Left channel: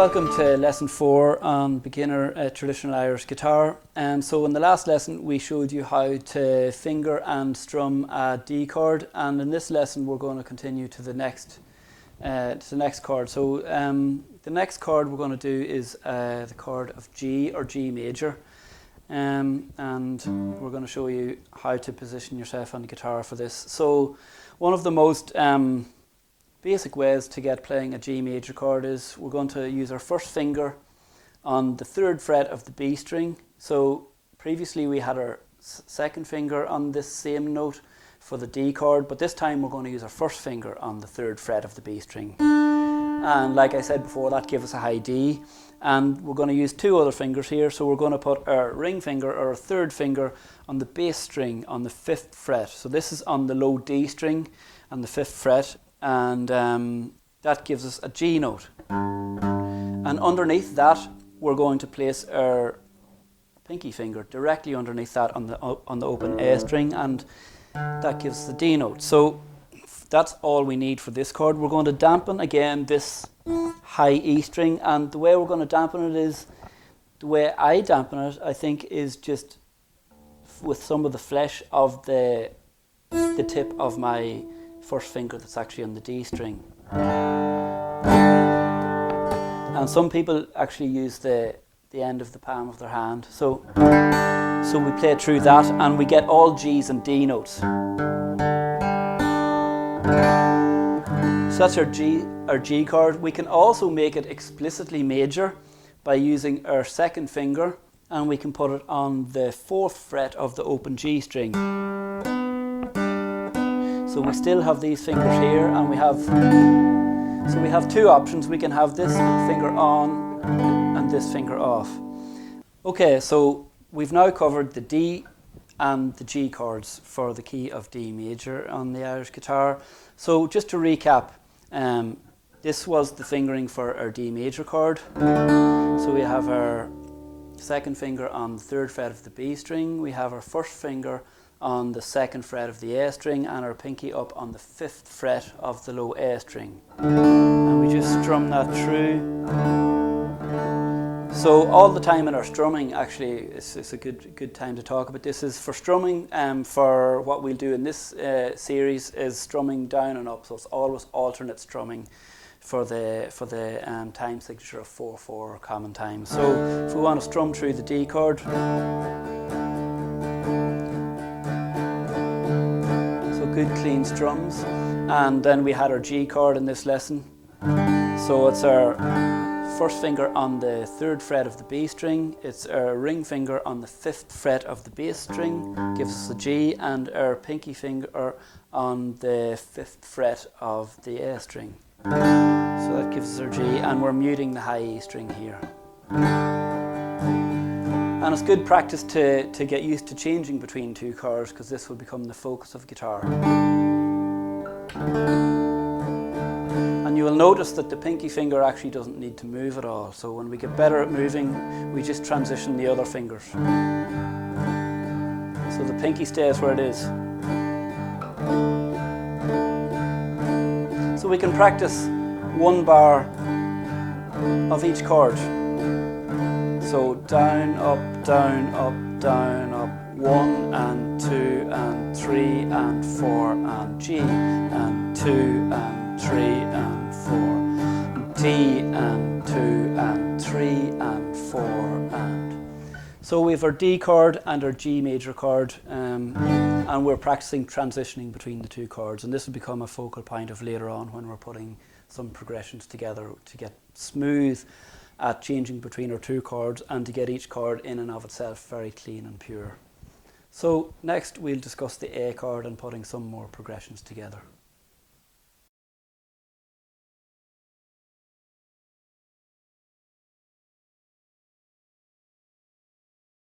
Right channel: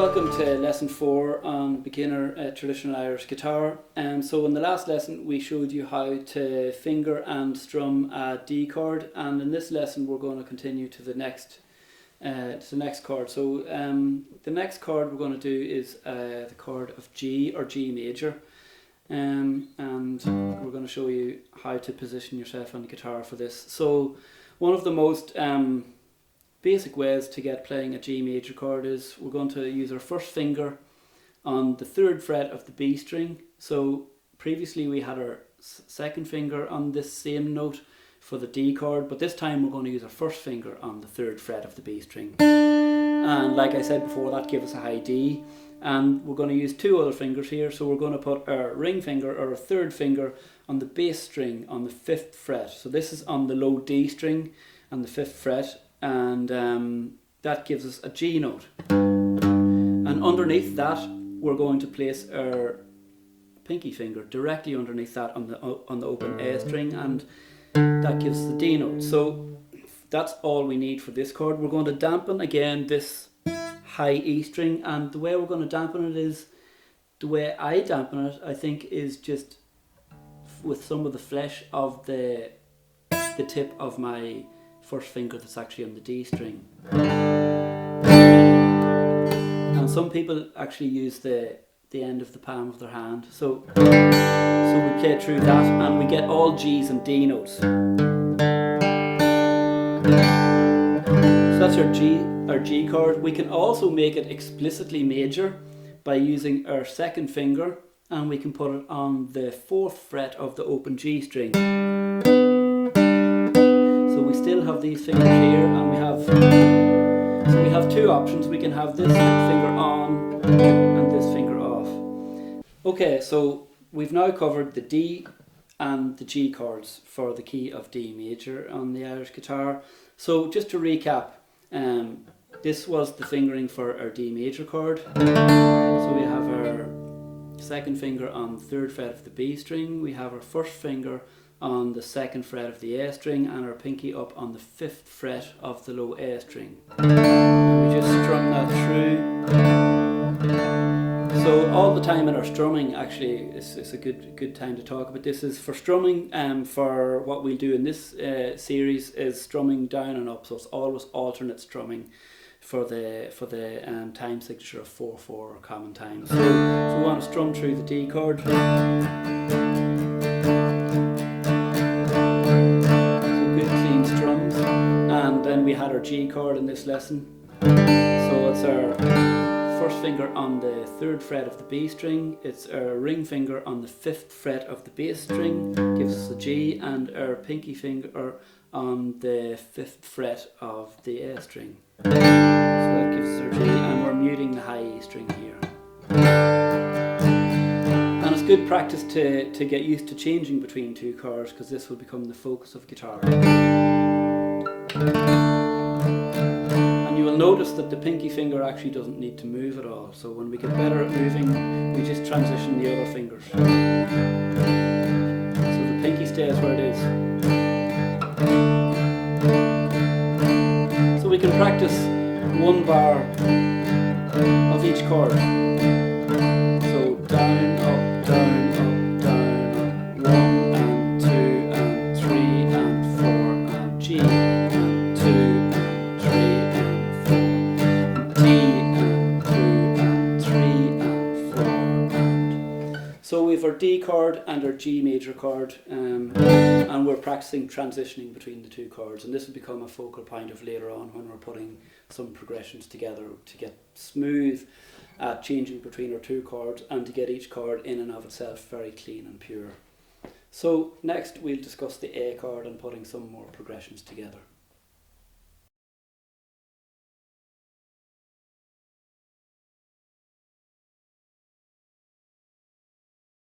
welcome to lesson 4 on beginner traditional Irish guitar. So in the last lesson we showed you how to finger and strum a D chord, and in this lesson we're going to continue to the next chord. So the next chord we're going to do is the chord of G, or G major, and we're going to show you how to position yourself on the guitar for this. So one of the most basic ways to get playing a G major chord is we're going to use our first finger on the 3rd fret of the B string. So previously we had our second finger on this same note for the D chord, but this time we're going to use our first finger on the 3rd fret of the B string. And like I said before, that gives us a high D, and we're going to use 2 other fingers here. So we're going to put our ring finger, or our 3rd finger, on the bass string on the 5th fret. So this is on the low D string on the 5th fret, and that gives us a G note. And underneath that we're going to place our pinky finger directly underneath that on the open A string, and that gives us the D note. So that's all we need for this chord. We're going to dampen again this high E string, and the way we're going to dampen it is, the way I dampen it, I think, is just with some of the flesh of the tip of my first finger that's actually on the D string. And some people actually use the end of the palm of their hand. So we play through that and we get all G's and D notes. So that's our G chord. We can also make it explicitly major by using our second finger, and we can put it on the 4th fret of the open G string. So we still have these fingers here, and we have 2 options. We can have this finger on and this finger off. Okay, so we've now covered the D and the G chords for the key of D major on the Irish guitar. So just to recap, this was the fingering for our D major chord. So we have our second finger on the 3rd fret of the B string, we have our first finger on the 2nd fret of the A string, and our pinky up on the 5th fret of the low A string. And we just strum that through. So all the time in our strumming, actually, it's a good time to talk about this, is for strumming. For what we'll do in this series is strumming down and up, so it's always alternate strumming for the time signature of 4/4 common time. So if we want to strum through the D chord, strums, and then we had our G chord in this lesson. So it's our first finger on the 3rd fret of the B string, it's our ring finger on the 5th fret of the bass string, gives us a G, and our pinky finger on the 5th fret of the A string. So that gives us our G, and we're muting the high E string here. And it's good practice to get used to changing between 2 chords, because this will become the focus of guitar. And you will notice that the pinky finger actually doesn't need to move at all. So when we get better at moving, we just transition the other fingers. So the pinky stays where it is. So we can practice 1 bar of each chord. So down, up, down, up, down, up, 1 and 2 and 3 and 4 and G and 2 and 3 and 4 and D and 2 and 3 and 4 and. So we have our D chord and our G major chord, and we're practicing transitioning between the 2 chords, and this will become a focal point of later on when we're putting some progressions together to get smooth at changing between our 2 chords, and to get each chord in and of itself very clean and pure. So next we'll discuss the A chord and putting some more progressions together.